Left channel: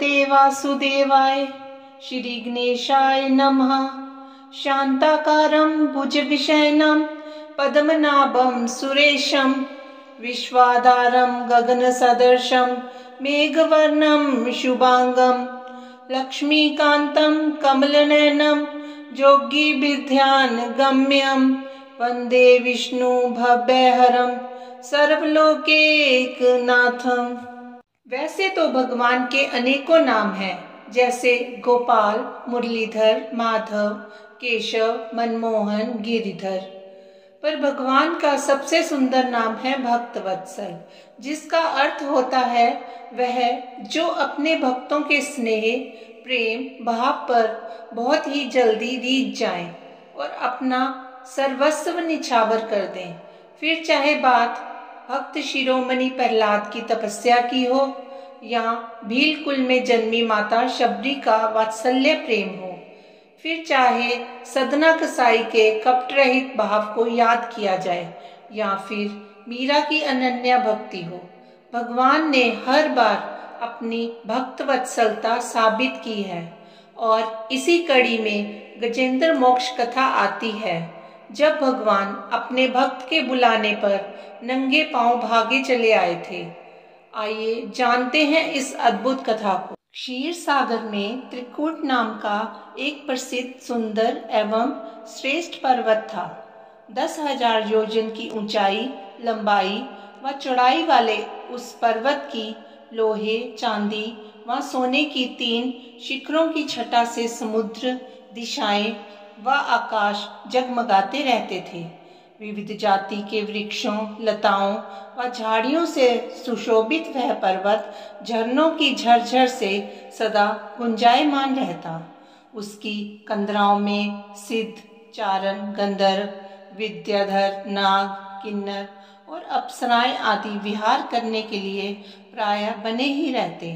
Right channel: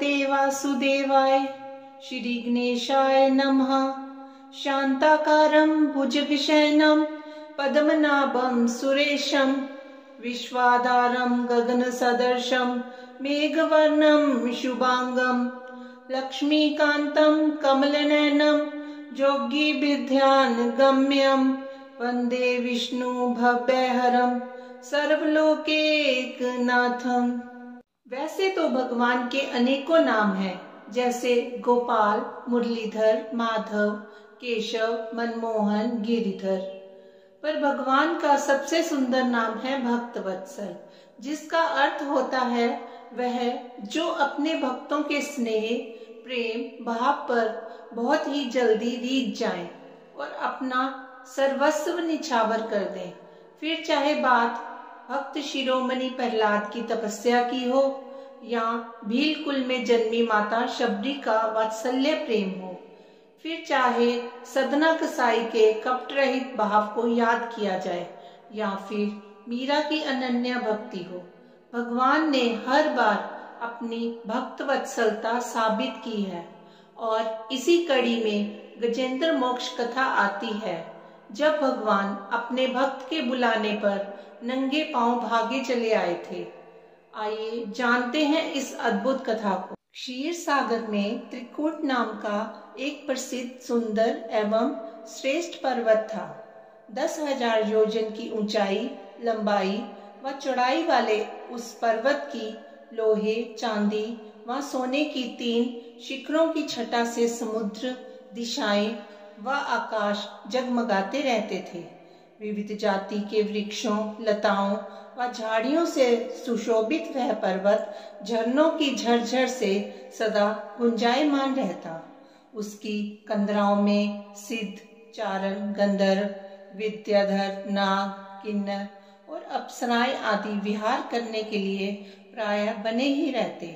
भगवते वासुदेवाय श्री गणेशाय नमः। शांताकारं भुजगशयनं पद्मनाभं सुरेशं विश्वाधारं गगनसदृशं मेघवर्णं शुभांगं लक्ष्मीकान्तं कमलनयनं योगिभिर्ध्यानगम्यं वन्दे विष्णु भव्यहरं सर्वलोकैकनाथं। वैसे तो भगवान के अनेकों नाम हैं, जैसे गोपाल, मुरलीधर, माधव, केशव, मनमोहन, गिरिधर, पर भगवान का सबसे सुंदर नाम है भक्तवत्सल, जिसका अर्थ होता है वह जो अपने भक्तों के स्नेह, प्रेम, भाव पर बहुत ही जल्दी रीझ जाएं और अपना सर्वस्व निछावर कर दें। फिर चाहे बात भक्त शिरोमणि प्रहलाद की तपस्या की हो या भीलकुल में जन्मी माता शबरी का वात्सल्य प्रेम हो, फिर चाहे सदना कसाई के कपट रहित भाव को याद किया जाए या फिर मीरा की अनन्या भक्ति हो, भगवान ने हर बार अपनी भक्त वत्सलता साबित की है। और इसी कड़ी में गजेंद्र मोक्ष कथा आती है, जब भगवान अपने भक्त के बुलाने पर नंगे पांव भागे चले आए थे। आइए जानते हैं इस अद्भुत कथा को। क्षीर सागर में त्रिकूट नाम का एक प्रसिद्ध, सुंदर एवं श्रेष्ठ पर्वत था। 10,000 योजन की ऊंचाई, लंबाई व चौड़ाई वाले उस पर्वत की लोहे, चांदी व सोने की 3 शिखरों की छटा से समुद्र, दिशाएं व आकाश जगमगाते रहते थे। विविध जाति के वृक्षों, लताओं व झाड़ियों से सुशोभित वह पर्वत झरनों की झरझर से सदा गुंजायमान रहता। उसकी कंदराओं में सिद्ध, चारण, गंधर्व, विद्याधर, नाग, किन्नर और अप्सराएं आदि विहार करने के लिए प्रायः बने ही रहते।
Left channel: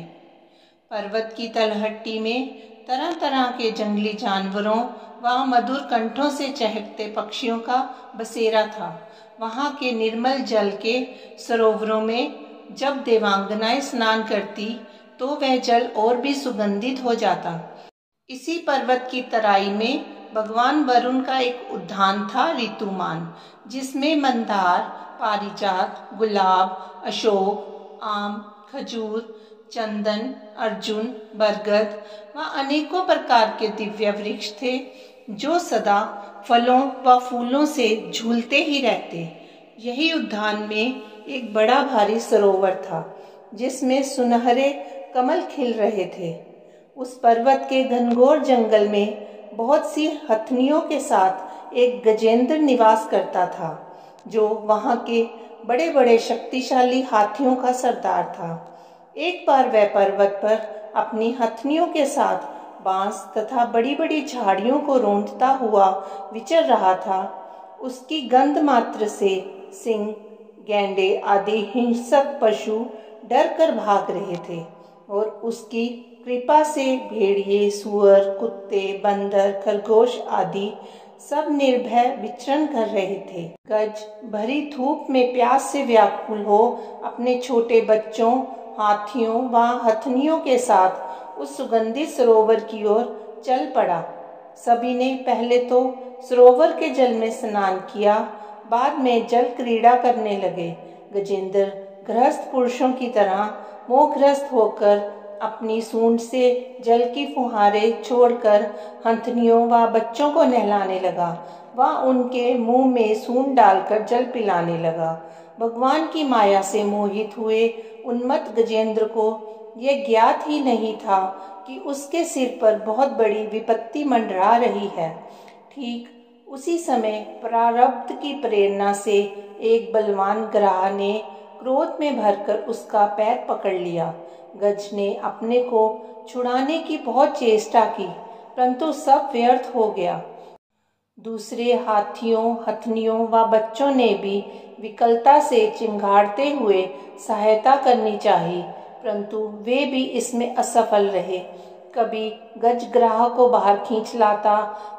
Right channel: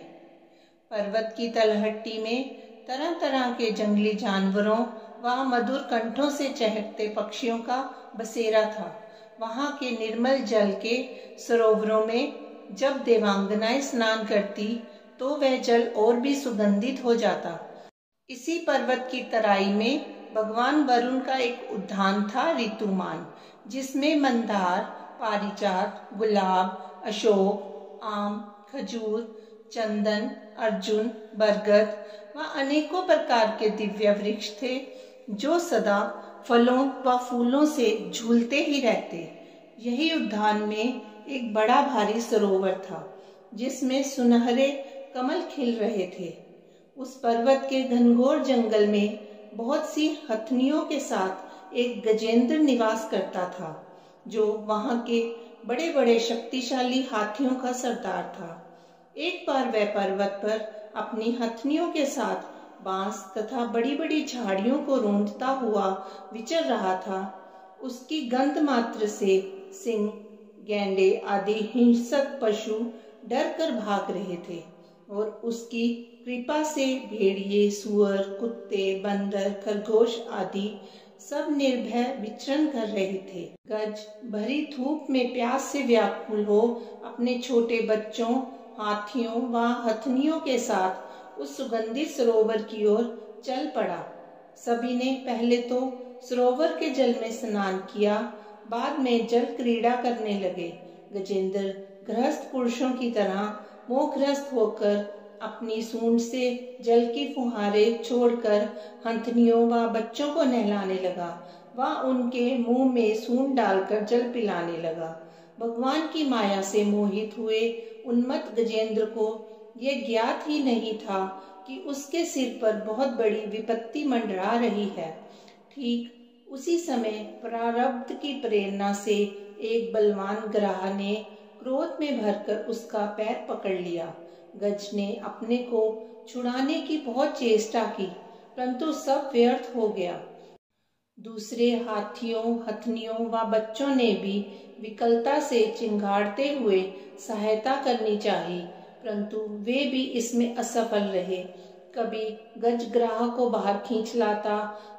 पर्वत की तलहटी में तरह तरह के जंगली जानवरों व मधुर कंठों से चहकते पक्षियों का बसेरा था। वहाँ के निर्मल जल के सरोवरों में जब देवांगनाएं स्नान करती तो वह जल और भी सुगंधित हो जाता। इसी पर्वत की तराई में भगवान वरुण का एक उद्यान था, ऋतुमान, जिसमें मंदार, पारिजात, गुलाब, अशोक, आम, खजूर, चंदन, अर्जुन, बरगद व अनेकों प्रकार के दिव्य वृक्ष थे, जो सदा फलों व फूलों से झूलते ही रहते। यही उद्यान में एक बड़ा भारी सरोवर था, जिसमें सुनहरे कमल खिल रहे थे। उस पर्वत के घनघोर जंगल में बहुत सी हथनियों के साथ एक गजेंद्र निवास करता था, जो वहाँ के बड़े बड़े शक्तिशाली हाथियों का सरदार था। एक बार वह पर्वत पर अपनी हथनियों के साथ बांस तथा बड़ी बड़ी झाड़ियों को रोंदता हुआ विचर रहा था। उसकी गंध मात्र से सिंह, गैंडे आदि हिंसक पशु डर कर भाग रहे थे और उसकी कृपा से भेड़िए, सुअर, कुत्ते, बंदर, खरगोश आदि सब निर्भय विचरण कर रहे थे। गज भरी धूप में प्यास से व्याकुल हो अपने छोटे बच्चों, हाथियों व हथनियों के साथ उस सुगंधित सरोवर की ओर चल पड़ा। सभी ने पहले तो सरोवर के जल में स्नान किया, बाद में जल क्रीड़ा करने लगे। गजेंद्र गृहस्थ पुरुषों की तरह मोहग्रस्त होकर अपनी सूंड से जल की फुहारें छोड़कर हथनियों व बच्चों को नहलाने लगा व उनके मुंह में सूंड डालकर जल पिलाने लगा। भगवान की माया से मोहित हुए उन्मत्त गजेंद्र को यह ज्ञात ही नहीं था कि उसके सिर पर बहुत बड़ी विपत्ति मंडरा रही है। ठीक उसी समय प्रारब्ध की प्रेरणा से एक बलवान ग्राह ने क्रोध में भरकर उसका पैर पकड़ लिया। गज ने अपने को छुड़ाने की बहुत चेष्टा की, परंतु सब व्यर्थ हो गया। दूसरे हाथियों, हथनियों व बच्चों ने भी विकलता से चिंगाड़ते हुए सहायता करनी चाहिए, परंतु वे भी इसमें असफल रहे। कभी गज ग्राह को बाहर खींच लाता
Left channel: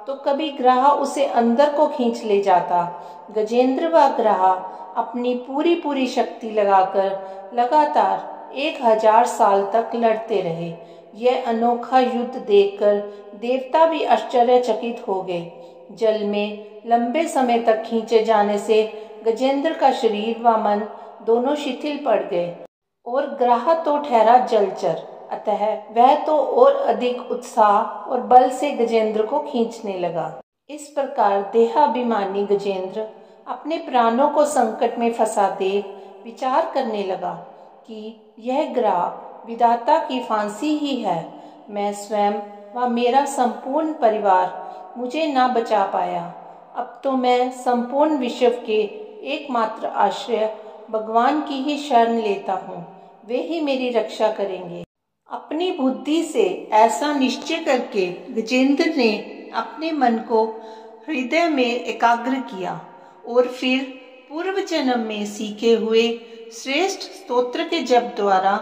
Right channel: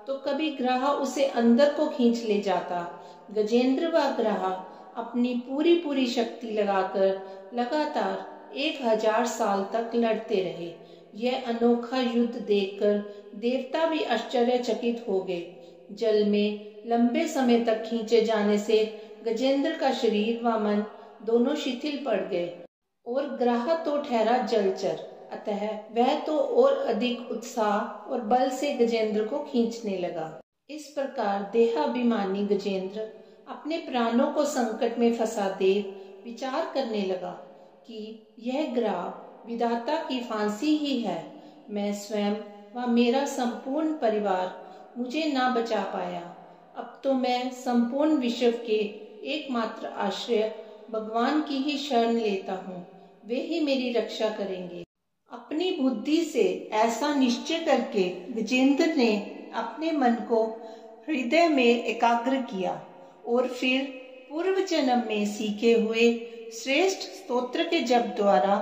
तो कभी ग्राह उसे अंदर को खींच ले जाता। गजेंद्र व ग्राह अपनी पूरी शक्ति लगाकर लगातार 1000 साल तक लड़ते रहे। यह अनोखा युद्ध देखकर देवता भी आश्चर्यचकित हो गए। जल में लंबे समय तक खींचे जाने से गजेंद्र का शरीर व मन दोनों शिथिल पड़ गए और ग्राह तो ठहरा जलचर, अतः वह तो और अधिक उत्साह और बल से गजेंद्र को खींचने लगा। इस प्रकार देहाभिमानी गजेंद्र अपने प्राणों को संकट में फंसा देख विचार करने लगा कि यह ग्राह विधाता की फांसी ही है। मैं स्वयं व मेरा संपूर्ण परिवार मुझे ना बचा पाया। अब तो मैं संपूर्ण विश्व के एकमात्र आश्रय भगवान की ही शरण लेता हूँ, वे ही मेरी रक्षा करेंगे। अपनी बुद्धि से ऐसा निश्चय करके गजेंद्र ने अपने मन को हृदय में एकाग्र किया और फिर पूर्व जन्म में सीखे हुए श्रेष्ठ स्तोत्र के जप द्वारा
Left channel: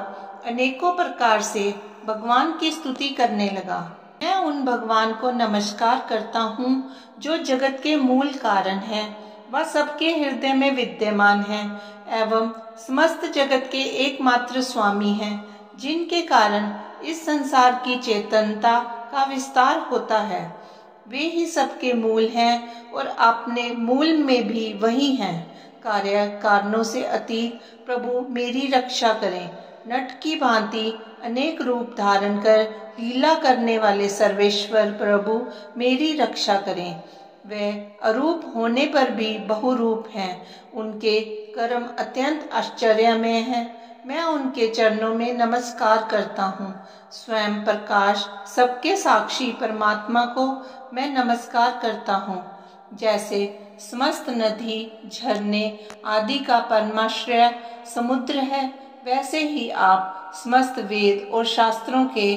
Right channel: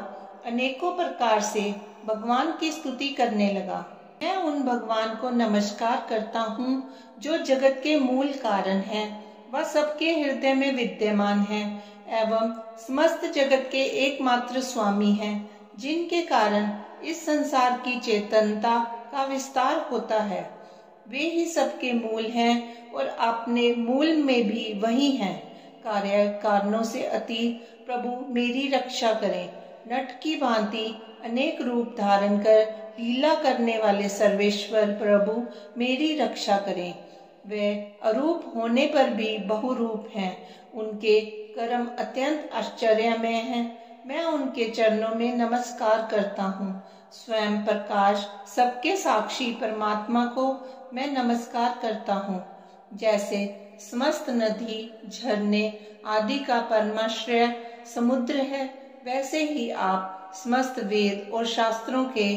अनेकों प्रकार से भगवान की स्तुति करने लगा। मैं उन भगवान को नमस्कार करता हूँ जो जगत के मूल कारण हैं, वह सबके हृदय में विद्यमान हैं एवं समस्त जगत के एकमात्र स्वामी हैं, जिनके कारण इस संसार की चेतनता का विस्तार होता है। वे ही सबके मूल हैं और अपने मूल में भी वही हैं। कार्य कारणों से अतीत प्रभु मेरी रक्षा करें। नट की भांति अनेक रूप धारण कर लीला करने वाले सर्वेश्वर प्रभु मेरी रक्षा करें। वे अरूप होने पर भी बहुरूप हैं। उनके कर्म अत्यंत आश्चर्यमय हैं। मैं उनके चरणों में नमस्कार करता हूँ। स्वयं प्रकाश सबके साक्षी परमात्मा को मैं नमस्कार करता हूँ। जैसे समस्त नदी झरने आदि का परमाश्रय समुद्र है, वैसे ही आप समस्त वेद और शास्त्रों के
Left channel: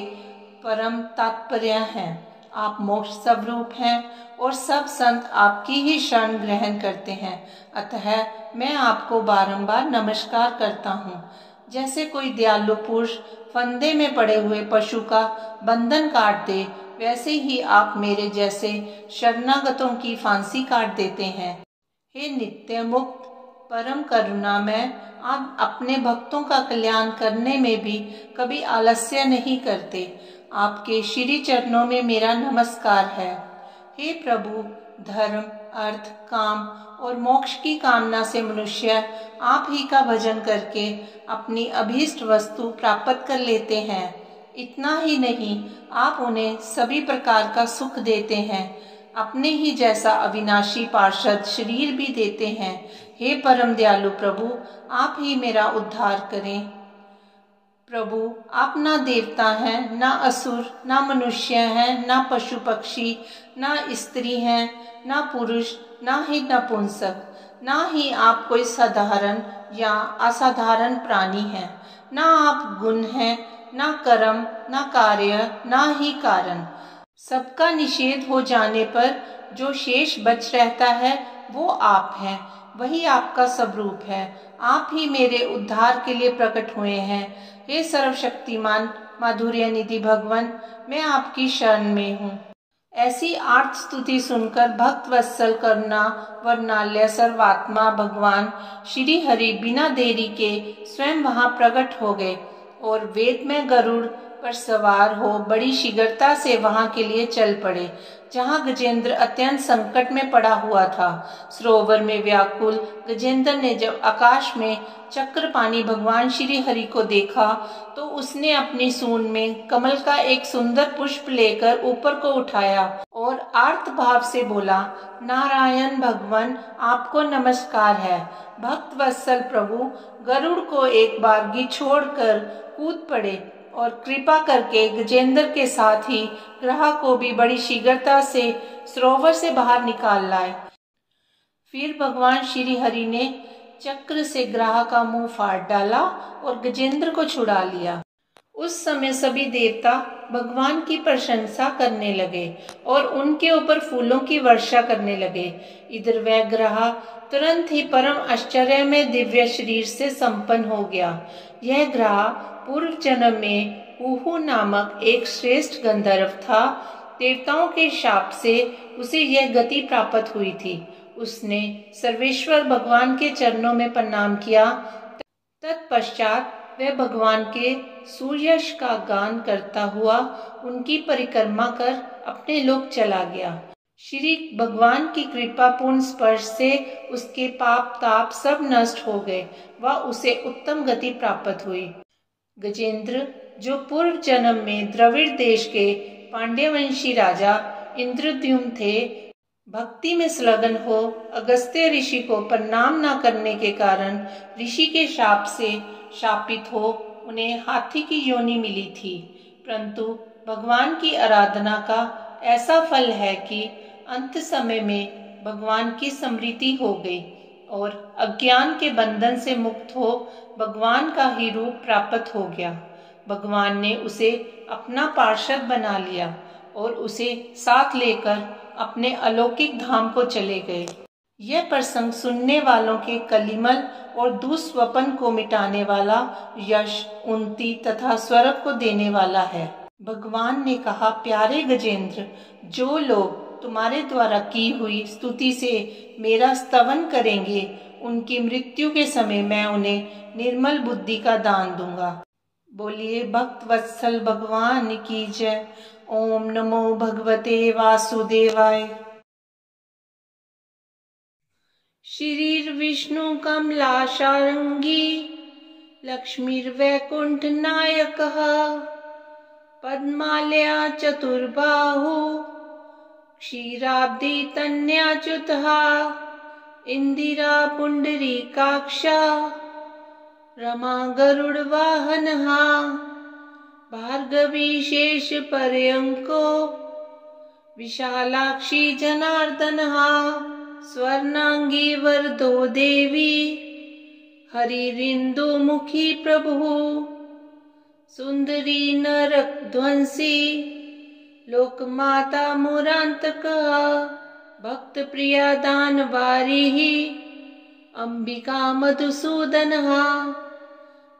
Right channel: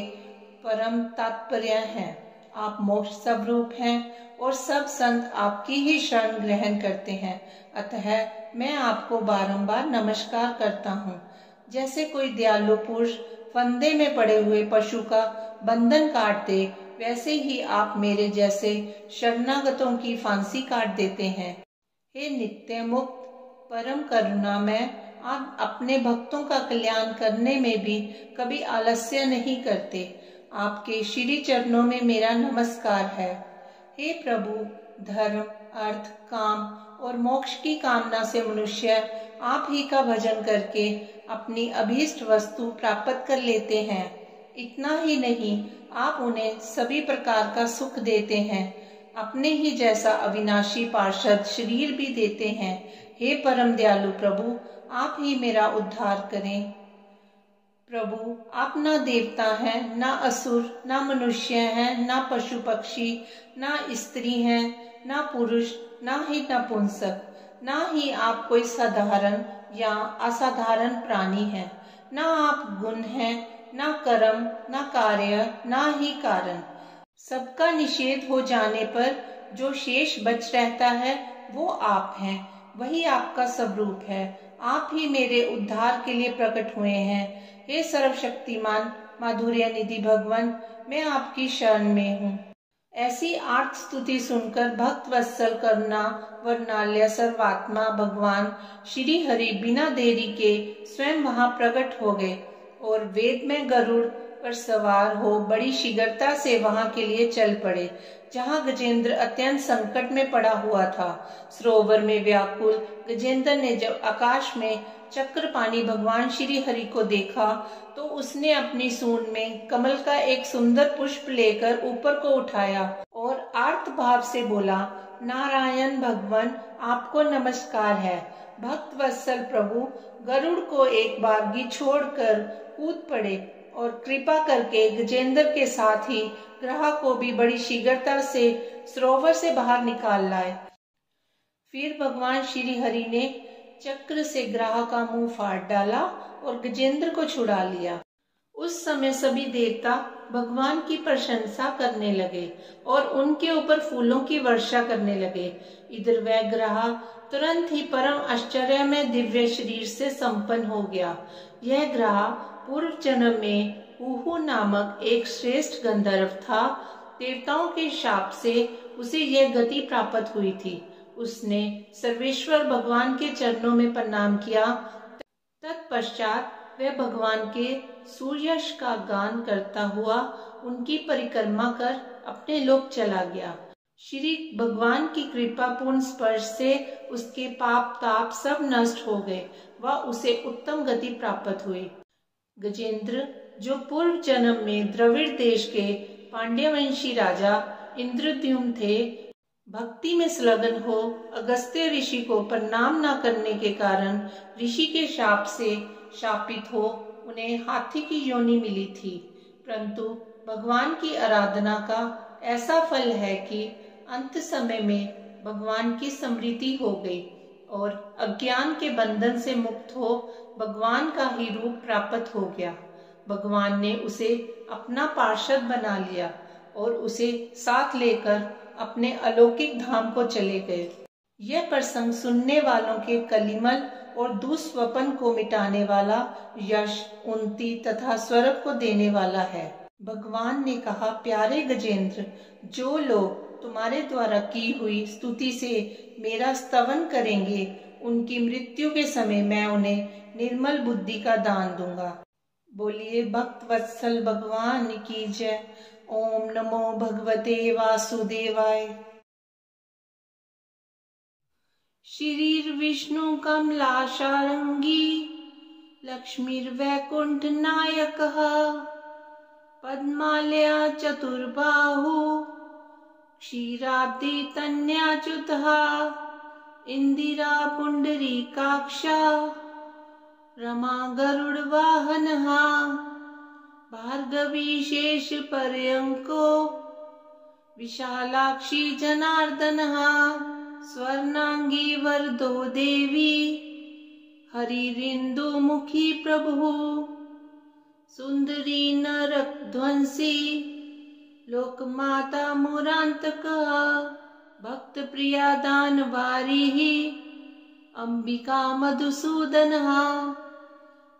परम तात्पर्य हैं। आप मोक्ष स्वरूप हैं और सब संत आपकी ही शरण ग्रहण करते हैं, अतः मैं आपको बारंबार नमस्कार करता हूँ। जैसे कोई दयालु पुरुष फंदे में पड़े हुए पशु का बंधन काट दे, वैसे ही आप मेरे जैसे शरणागतों की फांसी काट देते हैं। हे नित्य मुक्त परम करुणामय, आप अपने भक्तों का कल्याण करने में भी कभी आलस्य नहीं करते। आपके श्री चरणों में मेरा नमस्कार है। हे प्रभु, धर्म अर्थ काम और मोक्ष की कामना से मनुष्य आप ही का भजन करके अपनी अभीष्ट वस्तु प्राप्त कर लेते हैं। इतना ही नहीं, आप उन्हें सभी प्रकार का सुख देते हैं, अपने ही जैसा अविनाशी पार्षद शरीर भी देते हैं। हे परम दयालु प्रभु, आप ही मेरा उद्धार करें। प्रभु, आप ना देवता हैं, ना असुर, ना मनुष्य हैं, ना पशु पक्षी, ना स्त्री हैं, ना पुरुष, ना ही नपुंसक, ना ही आप कोई साधारण या असाधारण प्राणी हैं, ना आप गुण हैं, ना कर्म, ना कार्य, ना ही कारण। सबका निषेध हो जाने पर जो शेष बच रहता है वो आप हैं, वही आपका स्वरूप है। आप ही मेरे उद्धार के लिए प्रकट हुए हैं। हे सर्वशक्तिमान माधुर्य निधि भगवान, मैं आपकी शरण में हूँ। ऐसी आर्त स्तुति सुनकर भक्त वत्सल करुणा वर्णालय सर्वात्मा भगवान श्री हरि बिना देरी के स्वयं वहां प्रकट हो गए और वेद में गरुड़ पर सवार हो बड़ी शीघ्रता से वहां के लिए चल पड़े, जहां गजेंद्र अत्यंत संकट में पड़ा हुआ था। सरोवर में व्याकुल गजेंद्र ने जब आकाश में चक्रपाणी भगवान श्री हरि को देखा तो उसने अपनी सूंड में कमल का एक सुंदर पुष्प लेकर ऊपर को उठाया और आर्त भाव से बोला, नारायण भगवान, आपको नमस्कार है। भक्त वत्सल प्रभु गरुड़ को एक बारगी छोड़कर कूद पड़े और कृपा करके गजेंद्र के साथ ही ग्राह को भी बड़ी शीघ्रता से सरोवर से बाहर निकाल लाए। फिर भगवान श्री हरि ने चक्र से ग्राह का मुंह फाड़ डाला और गजेंद्र को छुड़ा लिया। उस समय सभी देवता भगवान की प्रशंसा करने लगे और उनके ऊपर फूलों की वर्षा करने लगे। इधर वह ग्राह तुरंत ही परम आश्चर्य में दिव्य शरीर से संपन्न हो गया। यह ग्राह पूर्व जन्म में उहु नामक एक श्रेष्ठ गंधर्व था। देवताओं के शाप से उसे यह गति प्राप्त हुई थी। उसने सर्वेश्वर भगवान के चरणों में प्रणाम किया। तत्पश्चात वह भगवान के सूर्ययश का गान करता हुआ उनकी परिक्रमा कर अपने लोक चला गया। श्री भगवान की कृपापूर्ण स्पर्श से उसके पाप ताप सब नष्ट हो गए व उसे उत्तम गति प्राप्त हुई। गजेंद्र, जो पूर्व जन्म में द्रविड़ देश के पांड्यवंशी राजा इंद्रद्युम्न थे, भक्ति में संलग्न हो अगस्त्य ऋषि को प्रणाम न करने के कारण ऋषि के शाप से शापित हो उन्हें हाथी की योनि मिली थी। परंतु भगवान की आराधना का ऐसा फल है कि अंत समय में भगवान की स्मृति हो गई और अज्ञान के बंधन से मुक्त हो भगवान का ही रूप प्राप्त हो गया। भगवान ने उसे अपना पार्षद बना लिया और उसे साथ लेकर अपने अलौकिक धाम को चले गए। यह प्रसंग सुनने वालों के कलिमल और दुस्वप्न को मिटाने वाला, यश, उन्नति तथा स्वर्ग को देने वाला है। भगवान ने कहा, प्यारे गजेंद्र, जो लोग तुम्हारे द्वारा की हुई स्तुति से मेरा स्तवन करेंगे, उनकी मृत्यु के समय मैं उन्हें निर्मल बुद्धि का दान दूंगा। बोलिए भक्त वत्सल भगवान की जय। ओम नमो भगवते वासुदेवाय। श्रीर विष्णु कमलाशारंगी लक्ष्मीर्वैकुंठ नायकः पद्मालया चतुर्बाहु क्षीराब्दी तन्याच्युतः इंदिरा पुंडरीकाक्षा रमा गरुड़वाहनः भार्गवी शेष पर्यंको विशालाक्षी जनार्दनः स्वर्णांगी वरदो देवी हरिरिंदुमुखी प्रभुः सुंदरी नरकध्वंसी लोकमाता मुरांतकः भक्त प्रिया दानवारिः अंबिका मधुसूदनः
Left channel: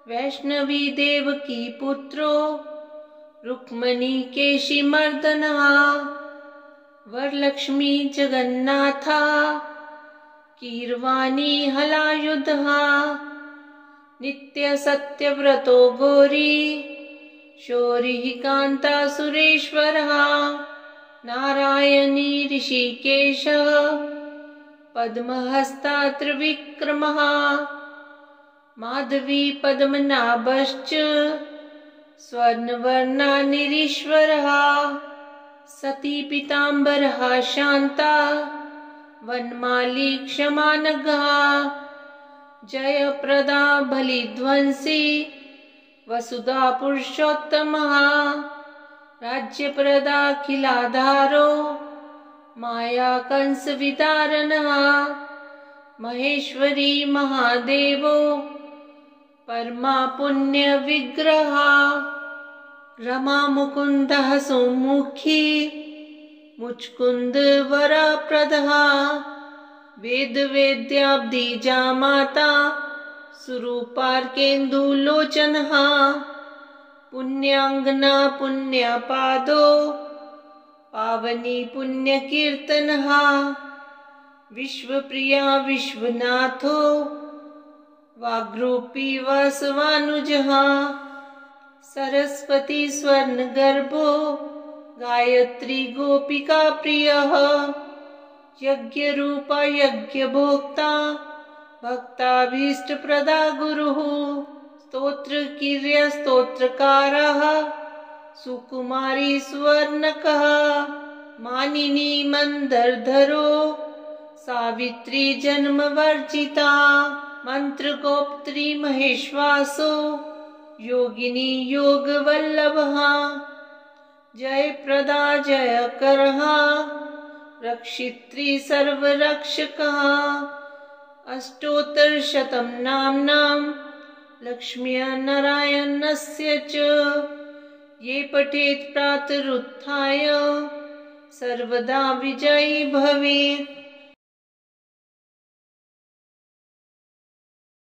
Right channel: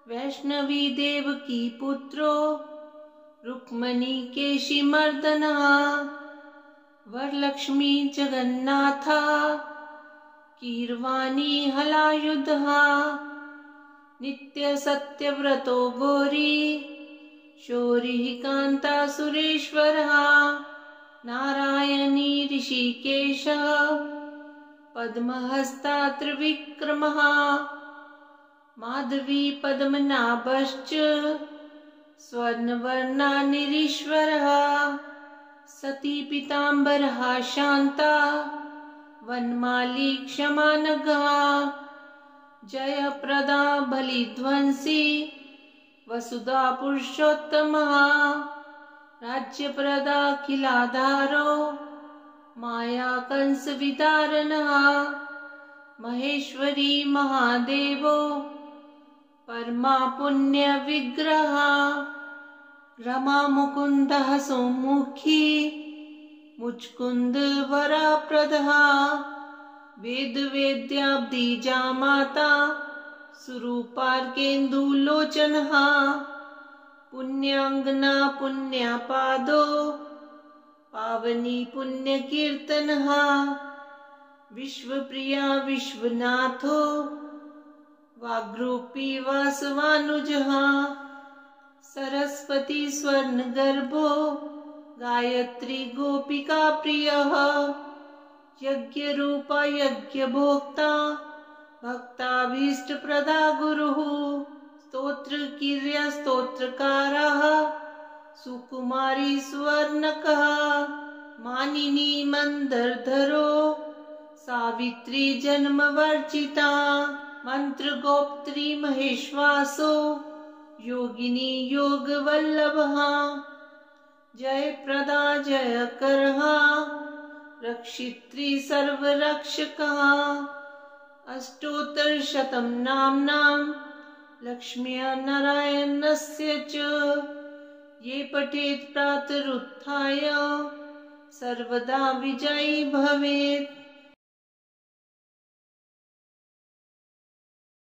वैष्णवी देवकी पुत्रो रुक्मणी केशिमर्दनः वरलक्ष्मी जगन्नाथा कीरवाणी हलायुधः नित्य सत्यव्रतो गौरी शौरिः कांता सुरेश्वरः नारायणी ऋषिकेशः पद्महस्ता त्रिविक्रमः माधवी पद्मनाभश्च स्वर्णवर्णा निरीश्वरः सती पीताम्बरः शांता वनमाली क्षमानघः जयप्रदा बलिध्वंसी वसुधा पुरुषोत्तमः राज्यप्रदा खिलाधारो माया कंस विदारणः महेश्वरी महादेवो परमा पुण्य विग्रह रमा मुकुंदः सुमुखी मुचकुंद वरप्रदः वेद वेद्याब्दी जामाता सुरूपार्केन्दुलोचनः पुण्याङ्गना पुण्यापादो पावनी पुण्यकीर्तनः विश्वप्रिया विश्वनाथो वाग्रूपी वासवानुजः सरस्वती स्वर्णगर्भो गायत्री गोपिका प्रियः यज्ञरूपा यज्ञभोक्ता भक्ताभीष्टप्रदा गुरुः स्तोत्रकीर्य स्तोत्रकारः सुकुमारी स्वर्णकः मानिनी मंदरधरो सावित्री जन्मवर्जिता मंत्रगोप्त्री महेश्वासो योगिनी योगवल्लभः जयप्रदा जयकरः रक्षित्री सर्वरक्षकः अष्टोत्तरशतं नाम्नां लक्ष्म्या नारायणस्य च ये पठेत् प्रातरुत्थाय सर्वदा विजयी भवेत्।